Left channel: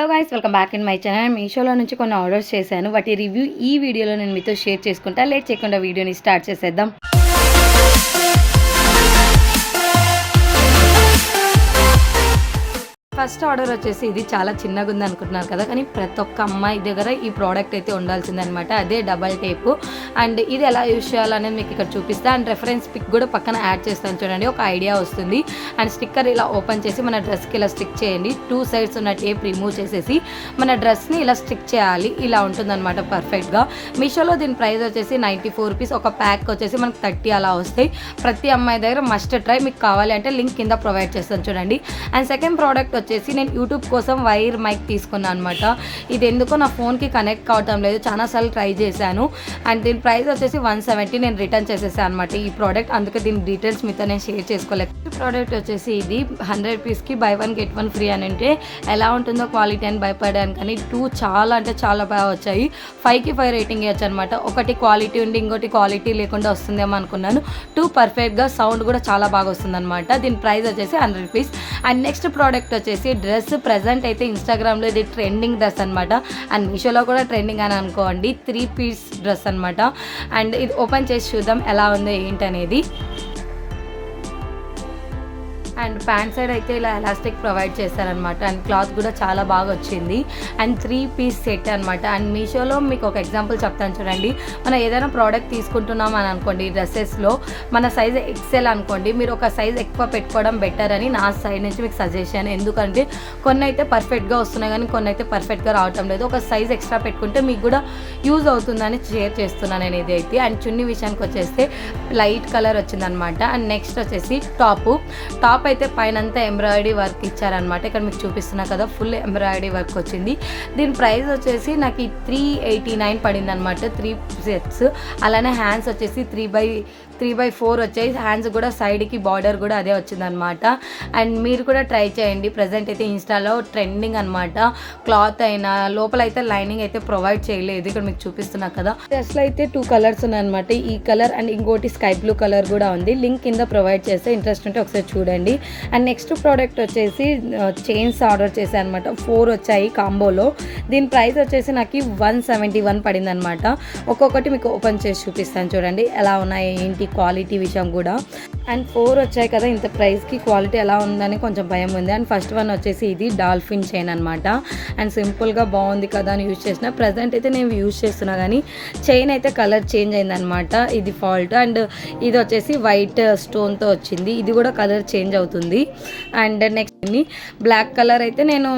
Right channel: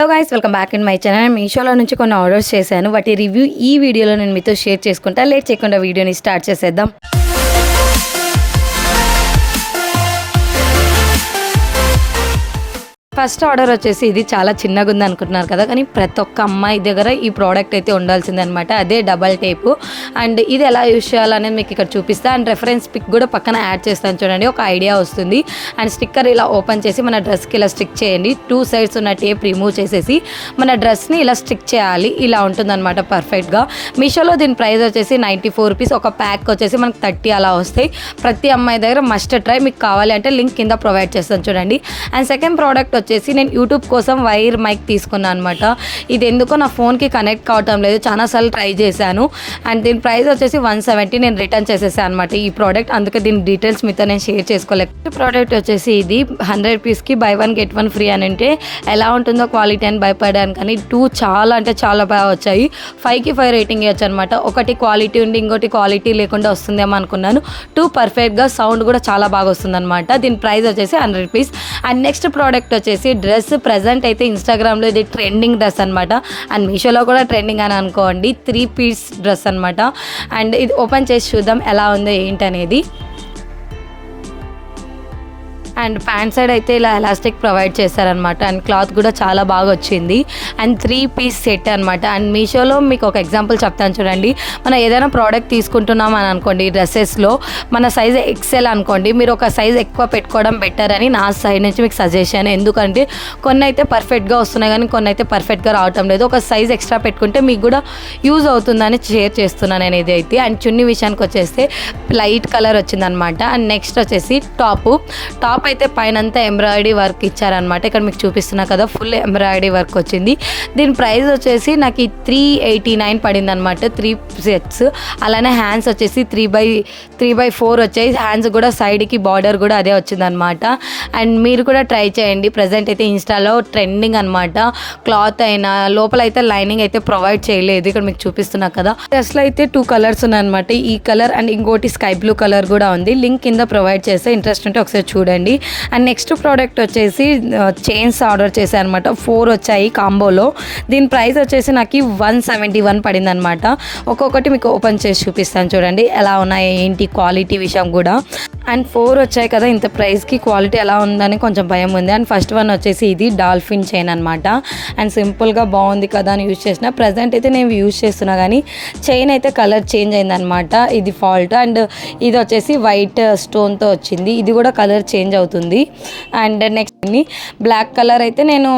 Hello guys, welcome back in my channel. మీషోలో నుంచి కొన్ని ఆర్డర్స్ చేశాను. వాటి రివ్యూ ఈ వీడియోలో నేను మీతో షేర్ చేసుకుంటా. లేట్ చేయకుండా వీడియోని స్టార్ట్ చేసేద్దాం. ఫస్ట్ ఆర్డర్ వచ్చేసి ఇది చాలా చిన్నగా ఉంది అనుకుంటున్నారు కదా, కానీ ప్రతి ఒక్క అమ్మాయి దగ్గర ఈ ప్రోడక్ట్ అయితే ఉండాల్సిందే అనమాట. అదే డబల్ టేపు. అండ్ ఇది ఎలా యూజ్ చేయాలనేది మీకు ఇక్కడ చూపిస్తా. అండ్ రెఫరెన్స్ పిక్ కూడా పక్కన యాడ్ చేస్తాను చూడండి, ఒక ఐడియా వస్తుంది. అండ్ స్టిక్కర్ ఇలా ఓపెన్ చేసి మన డ్రెస్కి ఇలా స్టిక్ చేయండి. 2 sides ఉన్న టేప్ రిమూవ్ చేసేసి మన డ్రెస్ని ఇలా స్టిక్ చేయాలి. ఇలా ఉంటుందన్నమాట పర్ఫెక్ట్గా. మీషోలో దీని ప్రైస్ వచ్చేసి 94 రూపీస్. ఒక ప్యాక్ వచ్చేసి మనకు 30 అలా వస్తాయి. ప్రతి అమ్మాయి దగ్గర మస్ట్ ట్రై. మీకు కావాలి అంటే లింక్ కింద ప్రొవైడ్ చేస్తాను చూడండి. అండ్ సెకండ్ ప్రోడక్ట్ వచ్చేసి నేను యూట్యూబ్ కోసం వైర్ మైక్ తీసుకున్నాను అనమాట. ఇది ఎందుకో నా ఫోన్కి కనెక్ట్ కావటం లేదు, చాలాసార్లు ట్రై చేశాను. అండ్ దీని ప్రైస్ వచ్చేసి 170. నేను రిటర్న్ చేసేసాను అనమాట ఈ ప్రోడక్ట్, అందుకే దీని డీటెయిల్స్ మీతో నేను షేర్ చేసుకోలేదు. ఈ ప్రోడక్ట్ వచ్చేసి ఇది 100 రూపీస్కి buy 1 get 1 ఫ్రీ అని అంటే ఎలా ఉంటుందో క్వాలిటీ అని భయపడాను, కానీ 2 చాలా అంటే చాలా బాగా వచ్చాయి. 5కి 5 రేటింగ్ ఇవ్వచ్చు అనమాట. ఒకటి క్వాలిటీ ఉండి ఇంకోటి క్వాలిటీ లేకుండా వస్తుందేమో అనుకున్నాను. 2 పర్ఫెక్ట్గా, సౌండ్ కూడా చాలా బాగా వస్తుంది అనమాట. దీని ప్రైస్ వచ్చేసి 100 రూపీస్. అండ్ నెక్స్ట్ ప్రోడక్ట్ వచ్చేసి డ్రెస్. ప్రజెంట్ అయితే ఇన్స్టాగ్రామ్లో ఇది ట్రెండింగ్ డ్రెస్ అనమాట. అండ్ మీషోలో కూడా ట్రెండింగ్ అని అనుకోండి. 3 piece డ్రెస్ అనమాట. అండ్ ఇది ఓపెన్ చేసి చూద్దాం ఎలా ఉందో ఏంటనేది. అండ్ ప్యాంట్ సైడ్ అయితే ఇలా ఎలాస్టిక్ ప్రొవైడ్ చేశారనమాట. అండ్ క్లాత్ కూడా చాలా బాగా వచ్చింది. అండ్ 3 piece సెట్ అనమాట. అండ్ మీషోలో మీకు ఒక ఎగ్జాంపుల్ చెప్తాను చూడండి. మనం ఏదైనా ప్రోడక్ట్ తీసుకుంటున్నాం అని అనుకోండి, డ్రెస్సెస్లో మన సైజ్ ఎక్సెల్ అనుకోండి, మీరు ఒక సైజ్ ఎక్కువ పెట్టుకోవడం బెటర్ అని నా సైడ్ నుంచి మీకు సజెషన్. ఎందుకంటే కొన్ని అయితే పర్ఫెక్ట్గా వస్తున్నాయి, కానీ కొన్ని అయితే పర్ఫెక్ట్గా రావటం లేదు. ఒక సైజ్ ఎక్స్ట్రా పెట్టుకుంటే మీకు కూడా యూజ్ అవుతుందని షేర్ చేస్తున్నాను నేను ఇదైతే. అండ్ చున్నీ విషయానికి వచ్చేస్తే లైట్ కలర్ వచ్చిందనమాట. అండ్ నెక్స్ట్ వచ్చేసి టాప్ అయితే పైన అంతా ఎంబ్రాయిడరీ వర్క్ ఇచ్చారనమాట. ఇక్కడ మీకు చూపిస్తున్నా కదా, ఫుల్ ఎంబ్రాయిడరీ వర్క్ వచ్చింది. దీని ప్రైస్ వచ్చేసి నాకు 389 పడింది అనమాట. 3 sets. అలానే హ్యాండ్స్ వచ్చేసి 3/4 వచ్చాయి. హ్యాండ్స్ కూడా సైడ్కి బార్డర్ కూడా అదే వచ్చిందనమాట. అండ్ మీరు కూడా ట్రై చేయండి. ప్రజెంట్ అయితే ఇన్స్టాలో ట్రెండింగ్ అనమాట. క్లాత్ అయినా లోపల అయితే లైనింగ్ అయితే ప్రొవైడ్ చేయలేదు. ఇక్కడ మీకు చూపిస్తున్నా కదా. డ్రెస్లో అయితే 2 కలర్స్ ఉన్నాయన్నమాట. ఈ కలర్ అండ్ ఇంకోటి స్కై బ్లూ కలర్ కూడా ఉంది. లింక్ కింద ప్రొవైడ్ చేస్తే ఇంట్రెస్ట్ ఉంటే ఒకసారి చూడండి. అండ్ నెక్స్ట్ ప్రోడక్ట్ వచ్చేసి చైన్స్ ఆర్డర్ చేశాను అనమాట. 4 వచ్చాయి కాంబోలో. దీని ప్రైస్ వచ్చేసి నాకు 171 పడింది అనమాట. ఒక్కొక్కటి మీకు ఓపెన్ చేసి చూపిస్తాను చూడండి ఎలా ఉన్నాయి ఏంటి క్వాలిటీ విషయం కూడా. అండ్ 4 వచ్చాయి కదా, ఇంత ప్రైస్కి క్వాలిటీ ఎలా ఉందని కొంచెం భయం ఉంది. అండ్ ఫస్ట్ వన్ వచ్చేసి ఇది డాల్ఫిన్ చైన్ అనమాట. అండ్ సింపుల్గా బాగుంది కదా అని యూజ్ చేసిన. ప్రజెంట్ అయితే నేను యూజ్ చేస్తున్నా, కానీ చైన్ అయితే కలర్ చేంజ్ అయిందనమాట. ఇది ఫాల్ట్. అండ్ ఇది వచ్చేసి వైట్ స్టోన్తో వచ్చింది. ఇది కూడా కలర్ చేంజ్ అవుతుంది. అండ్ నెక్స్ట్ బ్లాక్ కలర్ అయితే నేను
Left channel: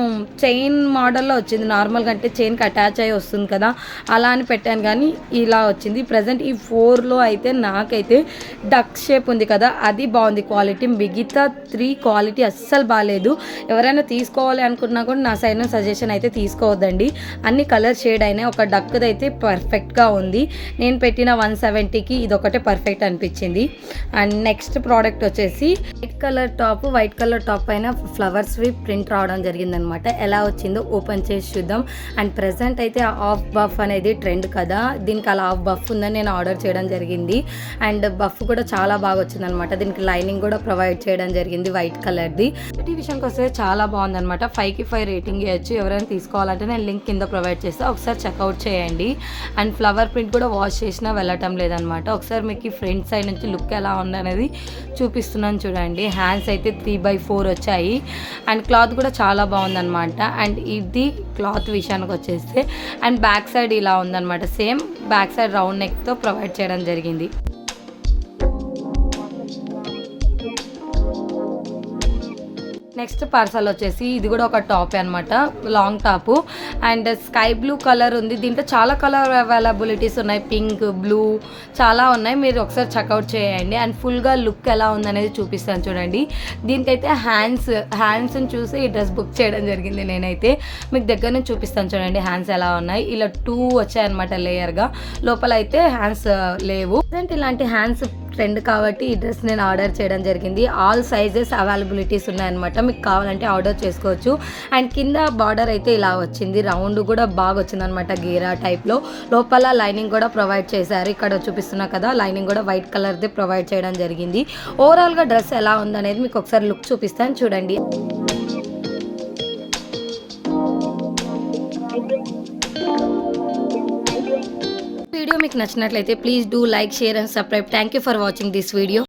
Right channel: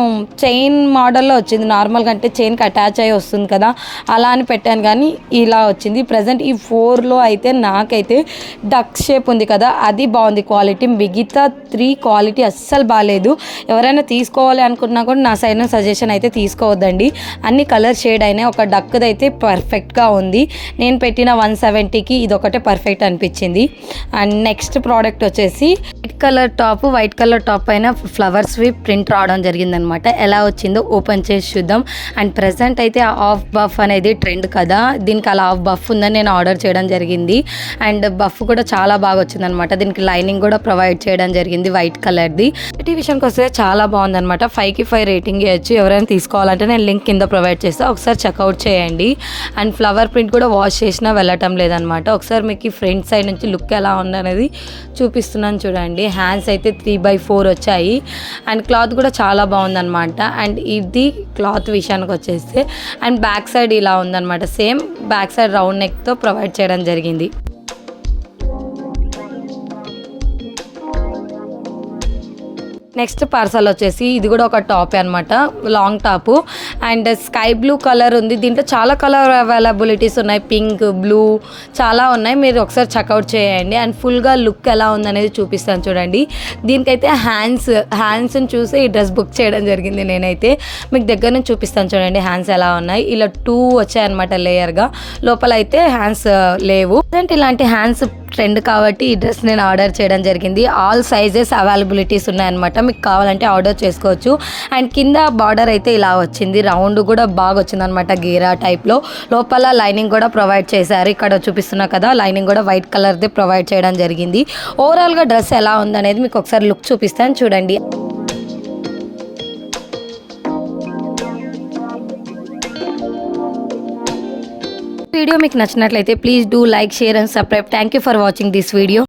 చైన్ మోడల్లో వచ్చింది. నార్మల్గా అంటే చైన్కి అటాచ్ అయ్యి వస్తుంది కదా, అలా అని పెట్టాను, కానీ ఇలా వచ్చింది. ప్రజెంట్ ఈ 4లో అయితే నాకైతే డక్ షేప్ ఉంది కదా, అది బాగుంది క్వాలిటీ. మిగతా 3 క్వాలిటీ అస్సలు బాగాలేదు. ఎవరైనా తీసుకోవాలి అనుకున్నా కూడా నా సైడ్ సజెషన్ అయితే తీసుకోవద్దండి. అన్ని కలర్ షేడ్ అయినాయి. ఒక డక్ది అయితే పర్ఫెక్ట్గా ఉంది. నేను పెట్టిన 170కి ఇది ఒకటే పర్ఫెక్ట్ అనిపించింది. అండ్ నెక్స్ట్ ప్రోడక్ట్ వచ్చేసి వైట్ కలర్ టాప్ పైన ఫ్లవర్స్ ప్రింట్ రావడం జరిగిందనమాట. ఎలా వచ్చిందో ఓపెన్ చేసి చూద్దాం. అండ్ ప్రజెంట్ అయితే ఆఫ్ బఫ్ అనేది ట్రెండ్ కదా, దీనికి అలా ఆఫ్ బఫ్ ఉందని నేను ఆర్డర్ చేయడం జరిగింది. అండ్ బఫ్ కూడా చాలా బాగా వచ్చిందనమాట. దీనికి లైనింగ్ కూడా ప్రొవైడ్ చేయడం జరిగింది వైట్ కలర్ది. ఈ విషయానికి వస్తే చాలా బాగుందనమాట. 5కి 5 రేటింగ్ ఇవ్వచ్చు. ఎవరైనా తీసుకోవాలంటే నేను లింక్ కింద ప్రొవైడ్ చేస్తే ఒకసారి చెక్అవుట్ చేయండి. అండ్ ఫ్లవర్ ప్రింట్ కూడా వాష్ చేసినా వెళ్ళటం లేదనమాట. ఒకసారి మీకు ఈ ఫ్రంట్ సైడ్ నుంచి లుక్ ఎలా ఉందనేది చూపిస్తున్నాను చూడండి. హ్యాండ్స్ అయితే 3/4 వచ్చాయి. అండ్ క్లాత్ కూడా చాలా బాగుందనమాట. అండ్ ఇది క్లాత్ విషయానికి వచ్చేస్తే అండ్ బ్యాక్ సైడ్ ఇలా ఉందనమాట. సేమ్ బ్యాక్ సైడ్ రౌండ్ నెక్తో ప్రొవైడ్ చేయడం జరిగింది. నెక్స్ట్ పార్సల్ వచ్చేసి ఇది కూడా ఒక టాప్ అనమాట, long top. And sky blue colour ఉంది. దీంట్లో చాలా కలర్ అవైలబిలిటీస్ ఉన్నాయి. పింక్, బ్లూ చాలా ఉన్నాయి. మీరు ఒకసారి చెక్అవుట్ చేయండి. అండ్ ఫుల్గా లుక్ ఎలా ఉందనేది చూపిస్తాను చూడండి. దీనికైతే హ్యాండ్స్ని చూసి ఈ డ్రెస్ బుక్ చేయడం జరిగింది నేనైతే. మీకు దగ్గర నుంచి చూపిస్తాను చూడండి హ్యాండ్స్ ఎలా ఉన్నాయి. ఇలా 2 వచ్చాయన్నమాట లేయర్గా. లోపల అయితే హ్యాండ్స్ లేవు. ఇలాంటి హ్యాండ్స్ ట్రెండ్ కాబట్టి ఈ డ్రెస్ నేను ఆర్డర్ చేయడం జరిగింది. ఆల్ సైజెస్ అవైలబిలిటీస్ ఉన్నాయన్నమాట. మీకు కావాలంటే ఆర్డర్ చేసుకోవచ్చు. అండ్ కింద బార్డర్ అయితే ఇలా వచ్చింది. రౌండ్ కూడా బాగా వచ్చింది అనమాట, గేరా టైప్లో. లోపల లైనింగ్ కూడా ప్రొవైడ్ చేశారు. ఇక్కడ చూపిస్తున్నా కదా, లైనింగ్ కూడా వైట్ కలర్ది ప్రొవైడ్ చేయడం జరిగింది. ఓవరాల్గా డ్రెస్ ఎలా ఉందనేది మీకు ఒకసారి లుక్ చూపిస్తాను చూడండి. వీడియో మీకు నచ్చినట్లయితే please do like, share and subscribe. Thank you for watching this video.